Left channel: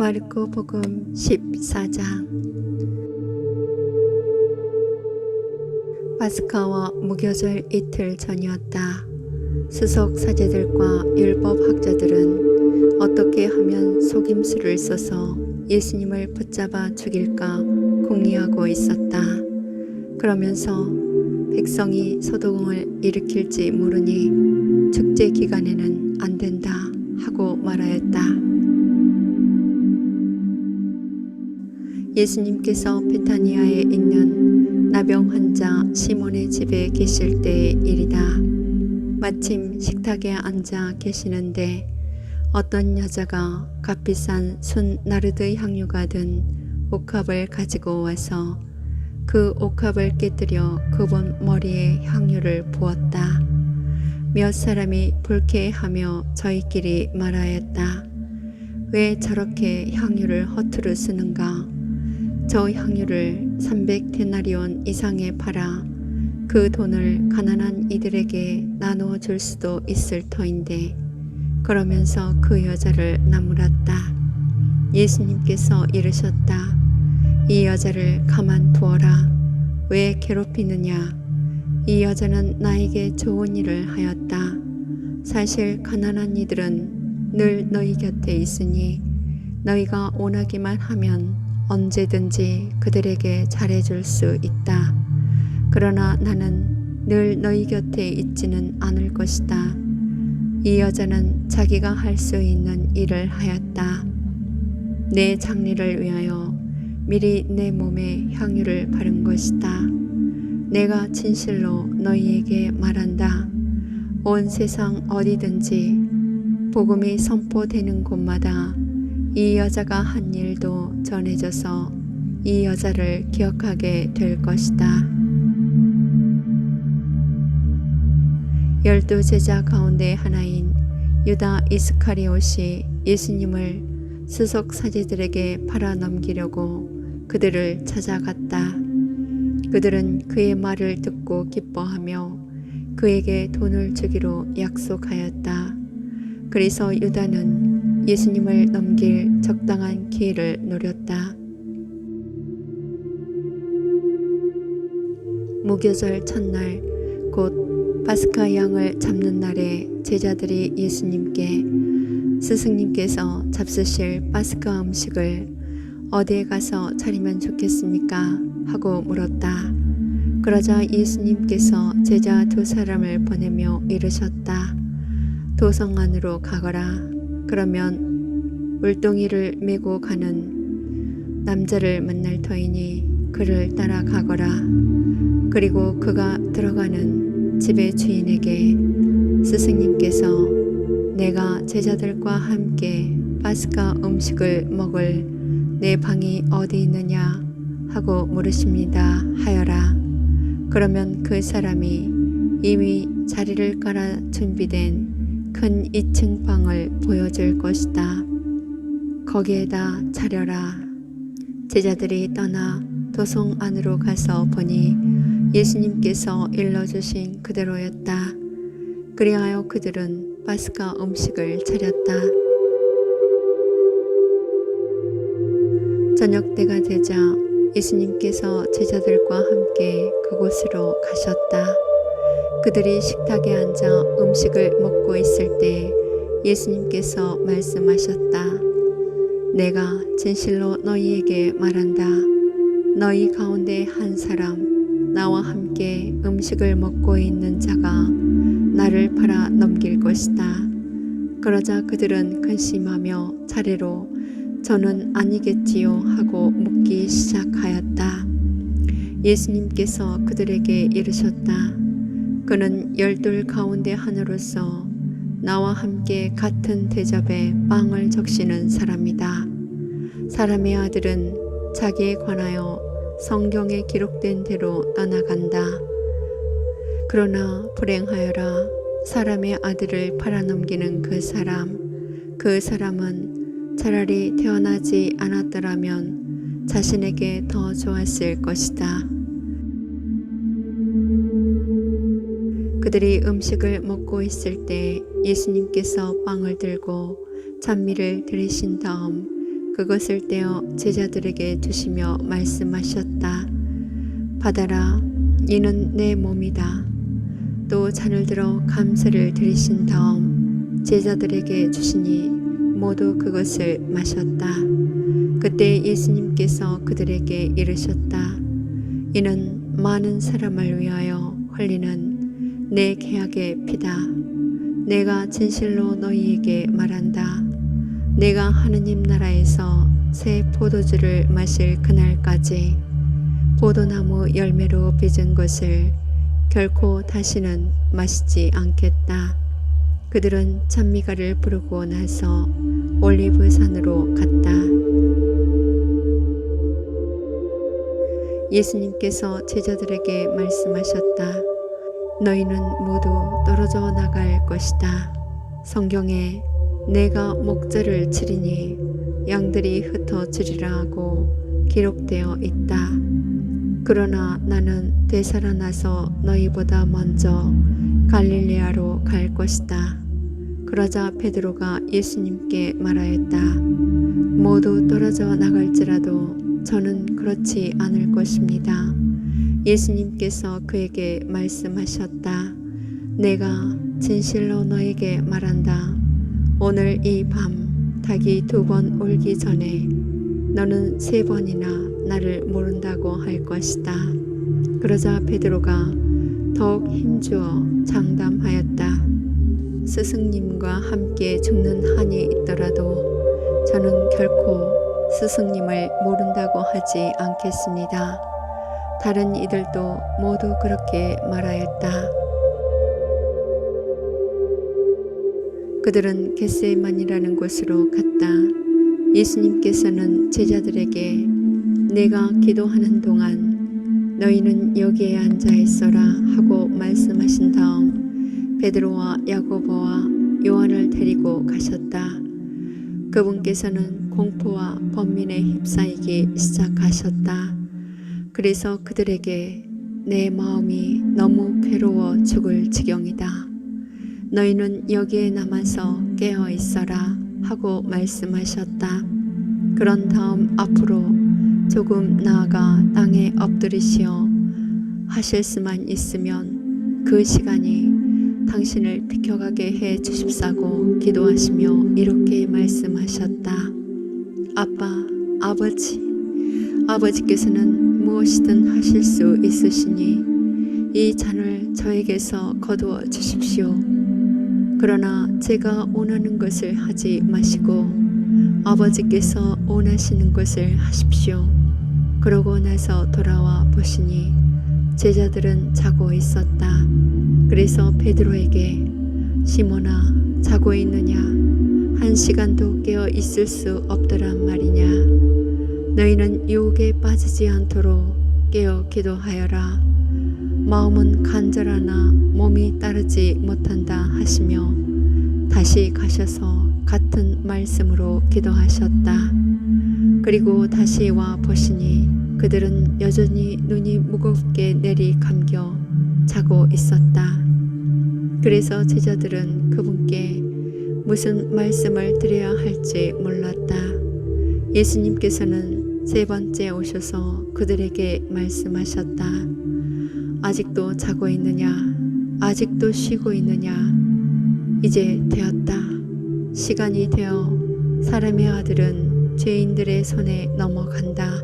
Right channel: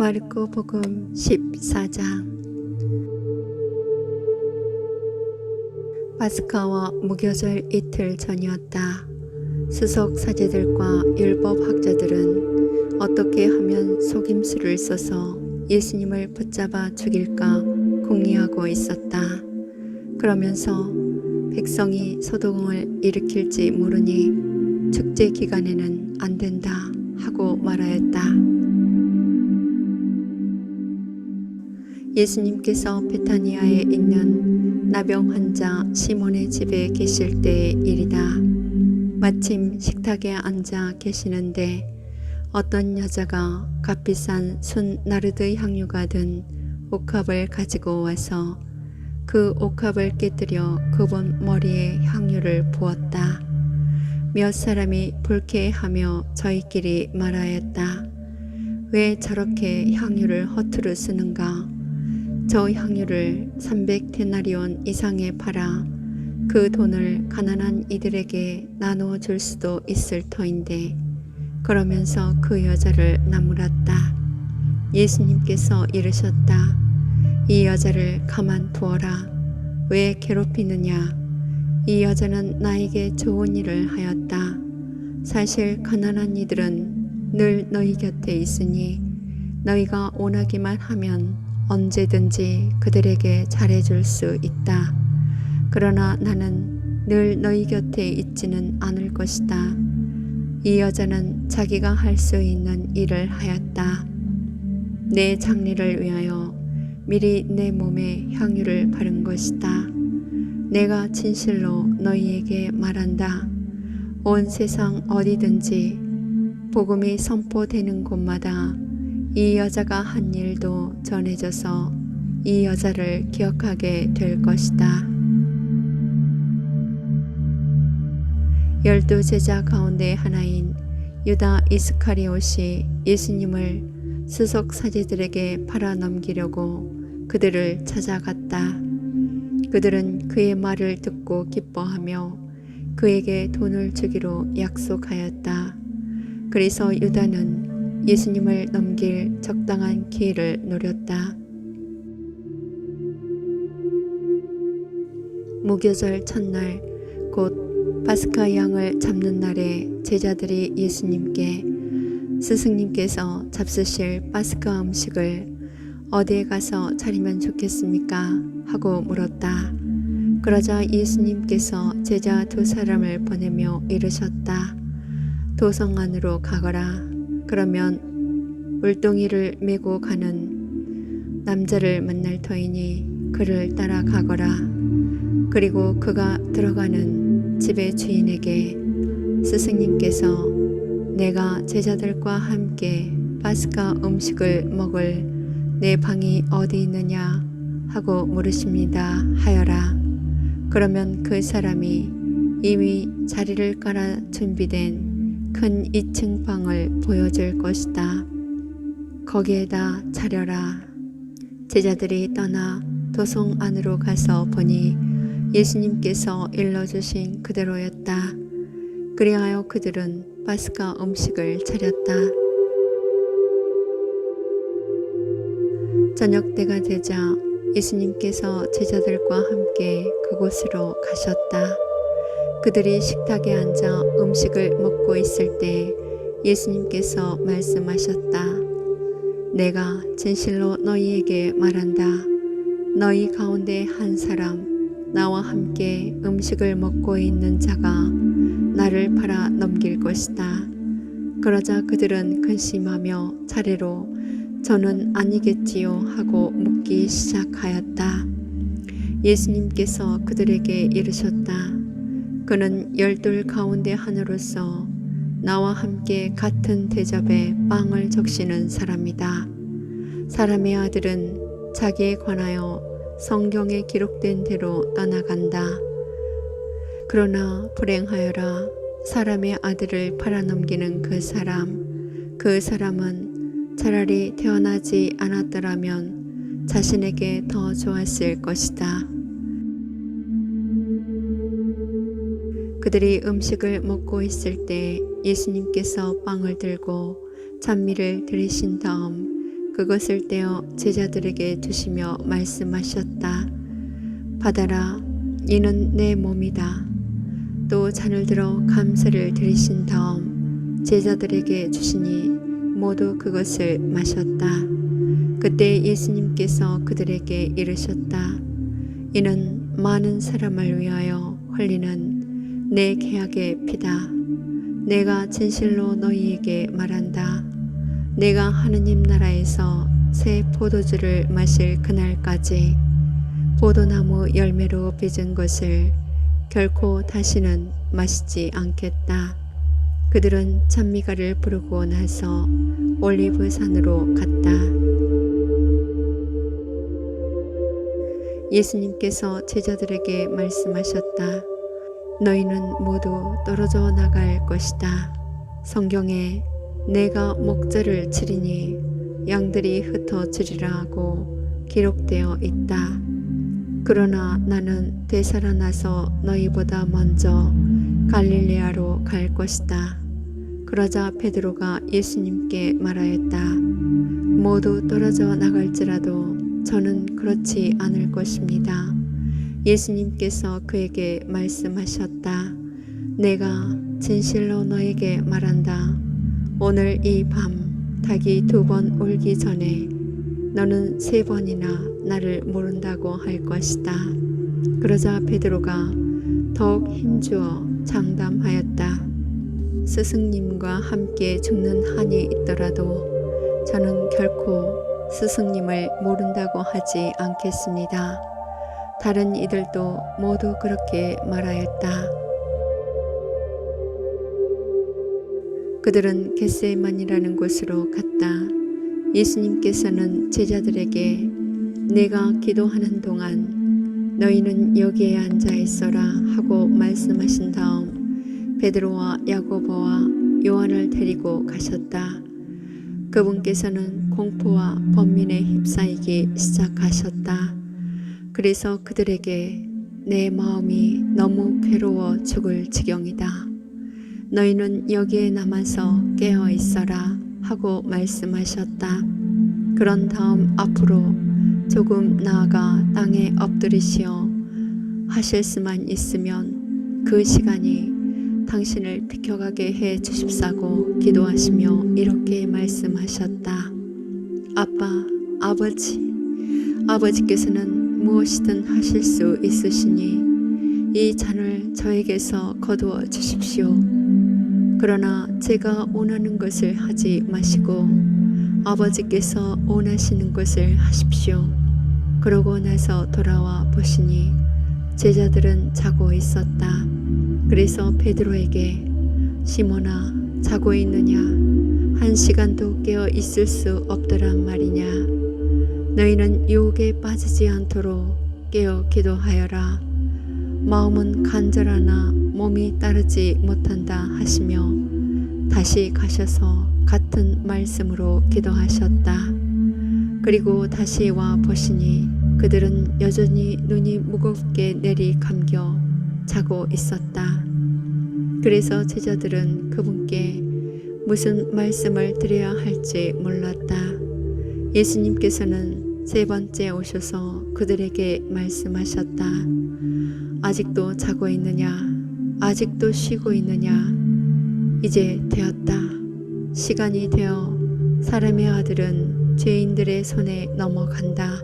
마르코복음 14장. 파스카와 무교절 이틀 전이었다. 수석 사제들과 율법 학자들은 어떻게 하면 속임수를 써서 예수님을 붙잡아 죽일까 궁리하고 있었다. 그러면서 백성이 소동을 일으킬지 모르니 축제 기간에는 안 된다 하고 말하였다. 예수님께서 베타니아에 있는 나병 환자 시몬의 집에 계실 때의 일이다. 마침 식탁에 앉아 계시는데 어떤 여자가 값비싼 순 나르드 향유가 든 옥합을 가지고 와서 그 옥합을 깨뜨려 그분 머리에 향유를 부었다. 몇 사람이 불쾌하며 저희끼리 말하였다. 왜 저렇게 향유를 허투루 쓰는가? 저 향유를 300데나리온 이상에 팔아 그 돈을 가난한 이들에게 나누어 줄 수도 있을 터인데. 그러면서 그 여자를 나무랐다. 예수님께서 이르셨다. 이 여자를 가만두어라. 왜 괴롭히느냐? 이 여자는 나에게 좋은 일을 하였다. 사실 가난한 이들은 늘 너희 곁에 있으니 너희가 원하기만 하면 언제든지 그들에게 잘해줄 수 있다. 그러나 나는 늘 너희 곁에 있지는 않을 것이다. 이 여자는 자기가 할 수 있는 일을 하였다. 내 장례를 위하여 미리 내 몸에 향유를 바른 것이다. 내가 진실로 너희에게 말한다. 온 세상 어디든지 복음이 선포되는 곳마다 이 여자가 한 일도 전해져서 이 여자를 기억하게 될 것이다. 12 제자 가운데 하나인 유다 이스카리옷이 예수님을 수석 사제들에게 팔아 넘기려고 그들을 찾아갔다. 그들은 그의 말을 듣고 기뻐하며 그에게 돈을 주기로 약속하였다. 그래서 유다는 예수님을 넘길 적당한 기회를 노렸다. 무교절 첫날 곧 파스카 양을 잡는 날에 제자들이 예수님께 스승님께서 잡수실 파스카 음식을 어디에 가서 차리면 좋겠습니까? 하고 물었다. 그러자 예수님께서 제자 2사람을 보내며 이르셨다. 도성 안으로 가거라. 그러면 물동이를 메고 가는 남자를 만날 터이니 그를 따라가거라. 그리고 그가 들어가는 집의 주인에게 스승님께서 내가 제자들과 함께 파스카 음식을 먹을 내 방이 어디 있느냐 하고 물으십니다 하여라. 그러면 그 사람이 이미 자리를 깔아 준비된 큰 2층 방을 보여줄 것이다. 거기에다 차려라. 제자들이 떠나 도성 안으로 가서 보니 예수님께서 일러주신 그대로였다. 그리하여 그들은 파스카 음식을 차렸다. 저녁 때가 되자 예수님께서 제자들과 함께 그곳으로 가셨다. 그들이 식탁에 앉아 음식을 먹고 있을 때 예수님께서 말씀하셨다. 내가 진실로 너희에게 말한다. 너희 가운데 한 사람 나와 함께 음식을 먹고 있는 자가 나를 팔아 넘길 것이다. 그러자 그들은 근심하며 차례로 저는 아니겠지요 하고 묻기 시작하였다. 예수님께서 그들에게 이르셨다. 그는 12 가운데 하나로서 나와 함께 같은 대접에 빵을 적시는 사람이다. 사람의 아들은 자기에 관하여 성경에 기록된 대로 떠나간다. 그러나 불행하여라. 사람의 아들을 팔아넘기는 그 사람은 차라리 태어나지 않았더라면 자신에게 더 좋았을 것이다. 그들이 음식을 먹고 있을 때 예수님께서 빵을 들고 찬미를 드리신 다음 그것을 떼어 제자들에게 주시며 말씀하셨다. 받아라, 이는 내 몸이다. 또 잔을 들어 감사를 드리신 다음 제자들에게 주시니 모두 그것을 마셨다. 그때 예수님께서 그들에게 이르셨다. 이는 많은 사람을 위하여 흘리는 내 계약의 피다. 내가 진실로 너희에게 말한다. 내가 하느님 나라에서 새 포도주를 마실 그날까지 포도나무 열매로 빚은 것을 결코 다시는 마시지 않겠다. 그들은 찬미가를 부르고 나서 올리브산으로 갔다. 예수님께서 제자들에게 말씀하셨다. 너희는 모두 떨어져 나갈 것이다. 성경에 내가 목자를 치리니 양들이 흩어지리라고 기록되어 있다. 그러나 나는 되살아나서 너희보다 먼저 갈릴레아로 갈 것이다. 그러자 베드로가 예수님께 말하였다. 모두 떨어져 나갈지라도 저는 그렇지 않을 것입니다. 예수님께서 그에게 말씀하셨다. 내가 진실로 너에게 말한다. 오늘 이 밤 닭이 2번 울기 전에 너는 3번이나 나를 모른다고 할 것이다. 그러자 베드로가 더욱 힘주어 장담하였다. 스승님과 함께 죽는 한이 있더라도 저는 결코 스승님을 모른다고 하지 않겠습니다. 다른 이들도 모두 그렇게 말하였다. 그들은 겟세마니라는 곳으로 갔다. 예수님께서는 제자들에게 내가 기도하는 동안 너희는 여기에 앉아 있어라 하고 말씀하신 다음 베드로와 야고보와 요한을 데리고 가셨다. 그분께서는 공포와 번민에 휩싸이기 시작하셨다. 그래서 그들에게 내 마음이 너무 괴로워 죽을 지경이다. 너희는 여기에 남아서 깨어 있어라 하고 말씀하셨다. 그런 다음 앞으로 조금 나아가 땅에 엎드리시어 하실 수만 있으면 그 시간이 당신을 비켜가게 해 주십사고 기도하시며 이렇게 말씀하셨다. 아빠, 아버지께서는 무엇이든 하실 수 있으시니 이 잔을 저에게서 거두어 주십시오. 그러나 제가 원하는 것을 하지 마시고 아버지께서 원하시는 것을 하십시오. 그러고 나서 돌아와 보시니 제자들은 자고 있었다. 그래서 베드로에게 시몬아, 자고 있느냐? 1시간도 깨어 있을 수 없더란 말이냐? 너희는 유혹에 빠지지 않도록 깨어 기도하여라. 마음은 간절하나 몸이 따르지 못한다 하시며 다시 가셔서 같은 말씀으로 기도하셨다. 그리고 다시 와 보시니 그들은 여전히 눈이 무겁게 내리 감겨 자고 있었다. 그래서 제자들은 그분께 무슨 말씀을 드려야 할지 몰랐다. 예수님께서는 3번째 오셔서 그들에게 말씀하셨다. 아직도 자고 있느냐? 아직도 쉬고 있느냐? 이제 되었다. 시간이 되어 사람의 아들은 죄인들의 손에 넘어간다.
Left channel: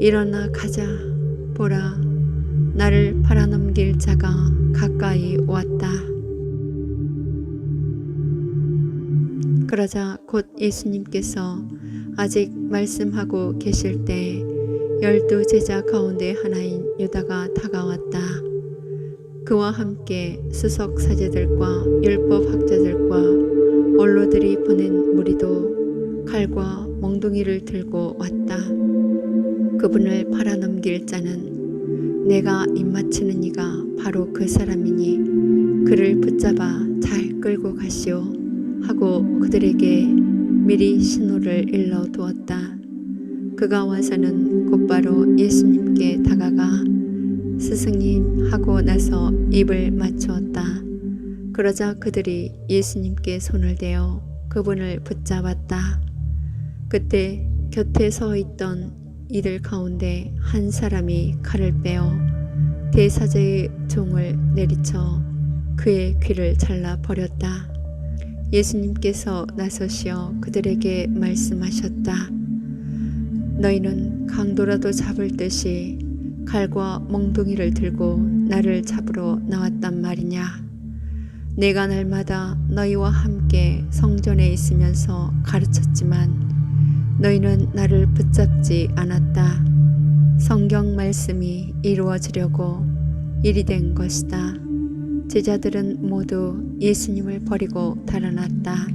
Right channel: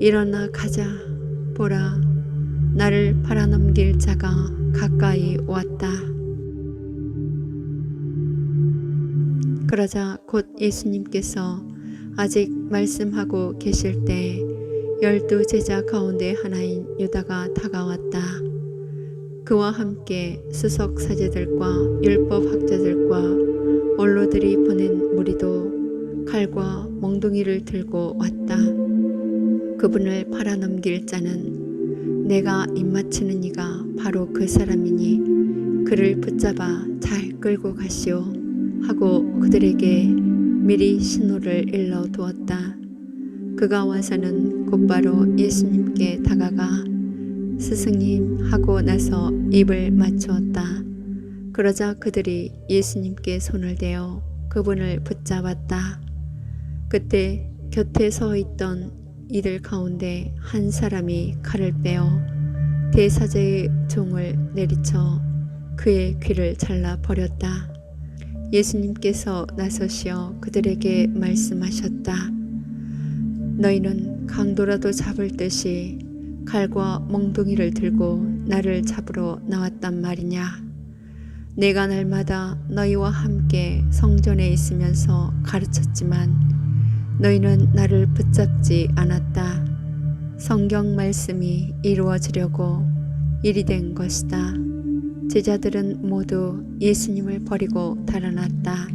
일어나 가자. 보라, 나를 팔아넘길 자가 가까이 왔다. 그러자 곧 예수님께서 아직 말씀하고 계실 때 12 제자 가운데 하나인 유다가 다가왔다. 그와 함께 수석 사제들과 율법 학자들과 원로들이 보낸 무리도 칼과 몽둥이를 들고 왔다. 그분을 팔아넘길 자는 내가 입맞추는 이가 바로 그 사람이니 그를 붙잡아 잘 끌고 가시오 하고 그들에게 미리 신호를 일러 두었다. 그가 와서는 곧바로 예수님께 다가가 스승님 하고 나서 입을 맞추었다. 그러자 그들이 예수님께 손을 대어 그분을 붙잡았다. 그때 곁에 서 있던 이들 가운데 한 사람이 칼을 빼어 대사제의 종을 내리쳐 그의 귀를 잘라 버렸다. 예수님께서 나서시어 그들에게 말씀하셨다. 너희는 강도라도 잡을 듯이 칼과 멍둥이를 들고 나를 잡으러 나왔단 말이냐. 내가 날마다 너희와 함께 성전에 있으면서 가르쳤지만 너희는 나를 붙잡지 않았다. 성경 말씀이 이루어지려고 일이 된 것이다. 제자들은 모두 예수님을 버리고 달아났다.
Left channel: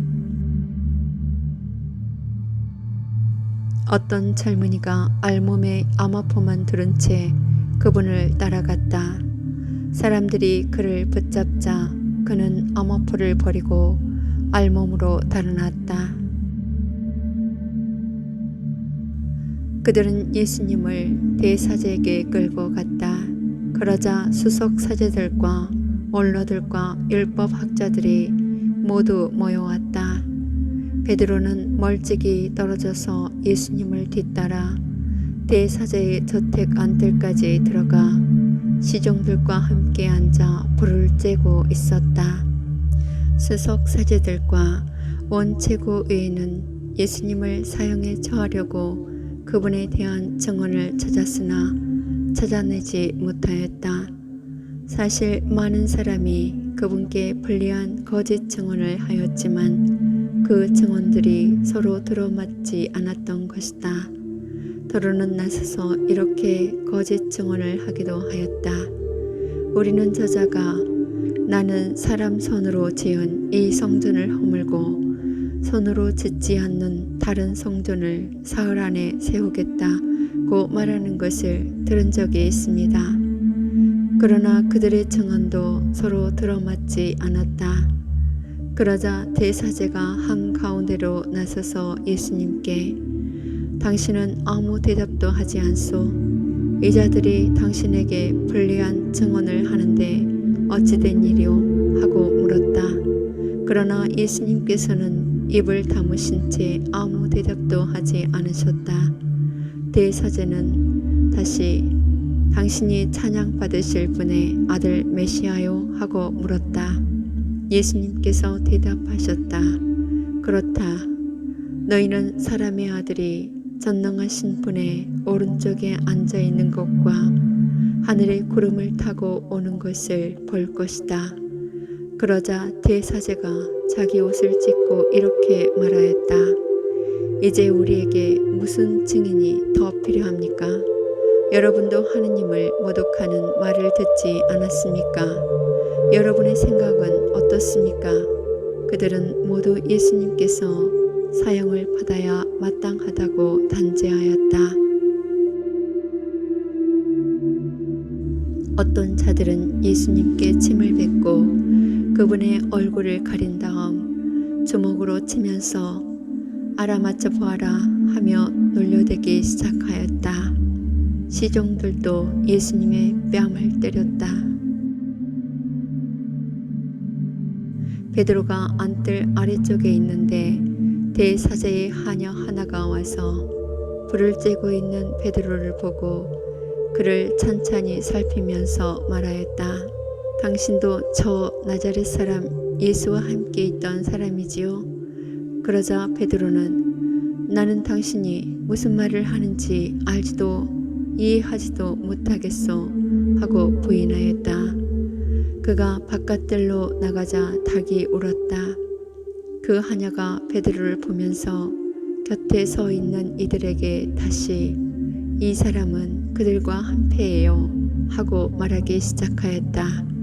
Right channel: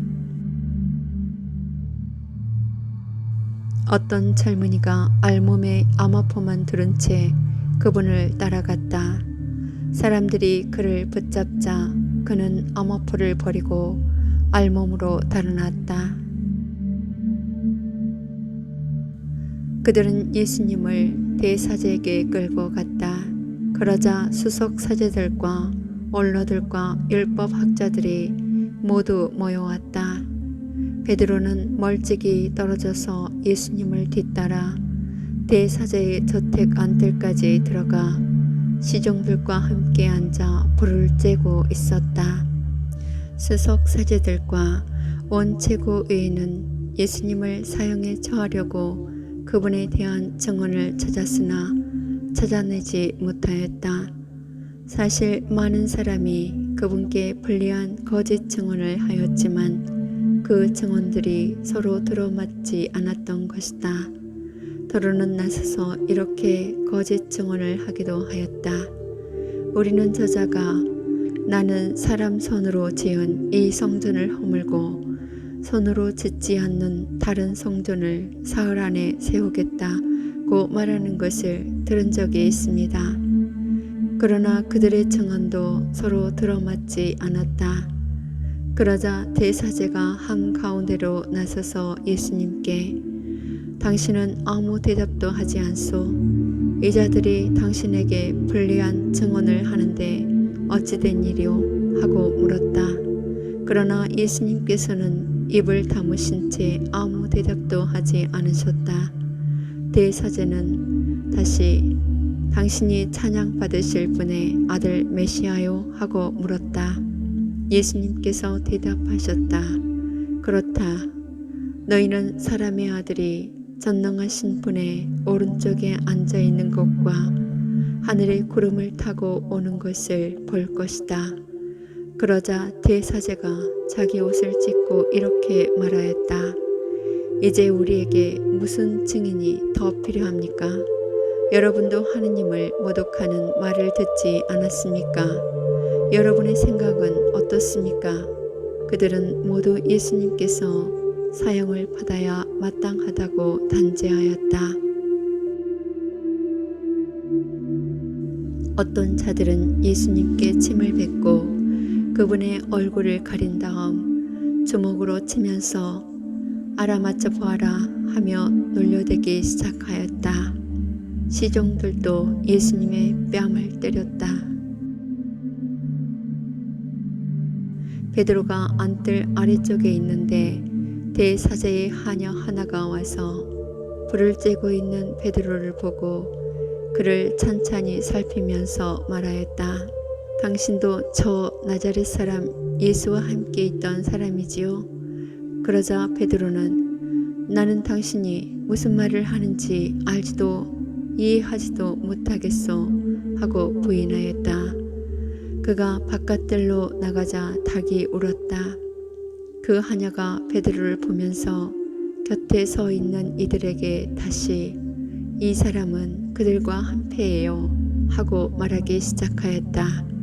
어떤 젊은이가 알몸에 암호포만 두른 채 그분을 따라갔다. 사람들이 그를 붙잡자 그는 암호포를 버리고 알몸으로 달아났다. 그들은 예수님을 대사제에게 끌고 갔다. 그러자 수석 사제들과 원로들과 율법학자들이 모두 모여왔다. 베드로는 멀찍이 떨어져서 예수님을 뒤따라 대사제의 저택 안뜰까지 들어가 시종들과 함께 앉아 불을 쬐고 있었다. 수석 사제들과 원최고의회는 예수님을 사형에 처하려고 그분에 대한 증언을 찾았으나 찾아내지 못하였다. 사실 많은 사람이 그분께 불리한 거짓 증언을 하였지만 그 증언들이 서로 들어맞지 않았던 것이다. 더러는 나서서 이렇게 거짓 증언을 하기도 하였다. 우리는 저자가 나는 사람 손으로 지은 이 성전을 허물고 손으로 짓지 않는 다른 성전을 사흘 안에 세우겠다고 말하는 것을 들은 적이 있습니다. 그러나 그들의 증언도 서로 들어맞지 않았다. 그러자 대사제가 한가운데로 나서서 예수님께 당신은 아무 대답도 하지 않소. 이 자들이 당신에게 불리한 증언을 하는데 어찌 된 일이오? 하고 물었다. 그러나 예수님께서는 입을 다무신 채 아무 대답도 하지 않으셨다. 대사제는 다시 당신이 찬양받으실 분의 아들 메시아요? 하고 물었다. 예수님께서 대답하셨다. 그렇다. 너희는 사람의 아들이 전능하신 분의 오른쪽에 앉아 있는 것과 하늘의 구름을 타고 오는 것을 볼 것이다. 그러자 대사제가 자기 옷을 찢고 이렇게 말하였다. 이제 우리에게 무슨 증인이 더 필요합니까? 여러분도 하느님을 모독하는 말을 듣지 않았습니까? 여러분의 생각은 어떻습니까? 그들은 모두 예수님께서 사형을 받아야 마땅하다고 단죄하였다. 어떤 자들은 예수님께 침을 뱉고 그분의 얼굴을 가린 다음 주먹으로 치면서 알아맞혀 보아라 하며 놀려대기 시작하였다. 시종들도 예수님의 뺨을 때렸다. 베드로가 안뜰 아래쪽에 있는데 대사제의 하녀 하나가 와서 불을 쬐고 있는 베드로를 보고 그를 찬찬히 살피면서 말하였다. 당신도 저 나자렛 사람 예수와 함께 있던 사람이지요? 그러자 베드로는 나는 당신이 무슨 말을 하는지 알지도 이해하지도 못하겠소 하고 부인하였다. 그가 바깥들로 나가자 닭이 울었다. 그 하녀가 베드로를 보면서 곁에 서 있는 이들에게 다시 이 사람은 그들과 한패예요 하고 말하기 시작하였다.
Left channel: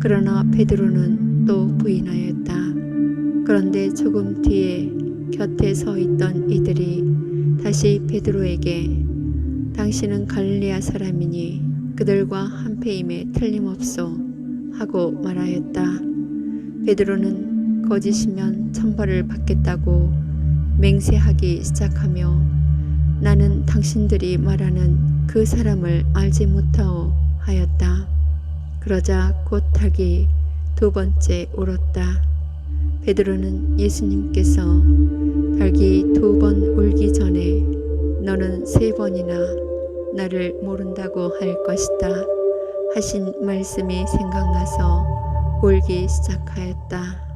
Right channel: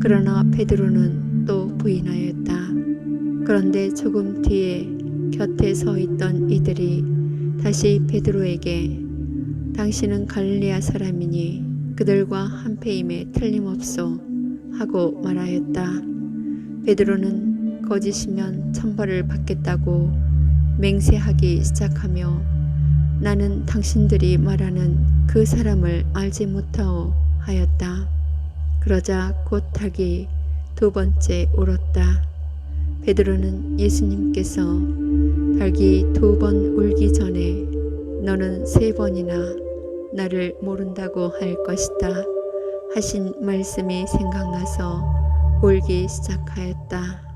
그러나 베드로는 또 부인하였다. 그런데 조금 뒤에 곁에 서 있던 이들이 다시 베드로에게 당신은 갈릴리아 사람이니 그들과 한패임에 틀림없소 하고 말하였다. 베드로는 거짓이면 천벌을 받겠다고 맹세하기 시작하며 나는 당신들이 말하는 그 사람을 알지 못하오 하였다. 그러자 곧 닭이 두 번째 울었다. 베드로는 예수님께서 닭이 2번 울기 전에 너는 3번이나 나를 모른다고 할 것이다 하신 말씀이 생각나서 울기 시작하였다.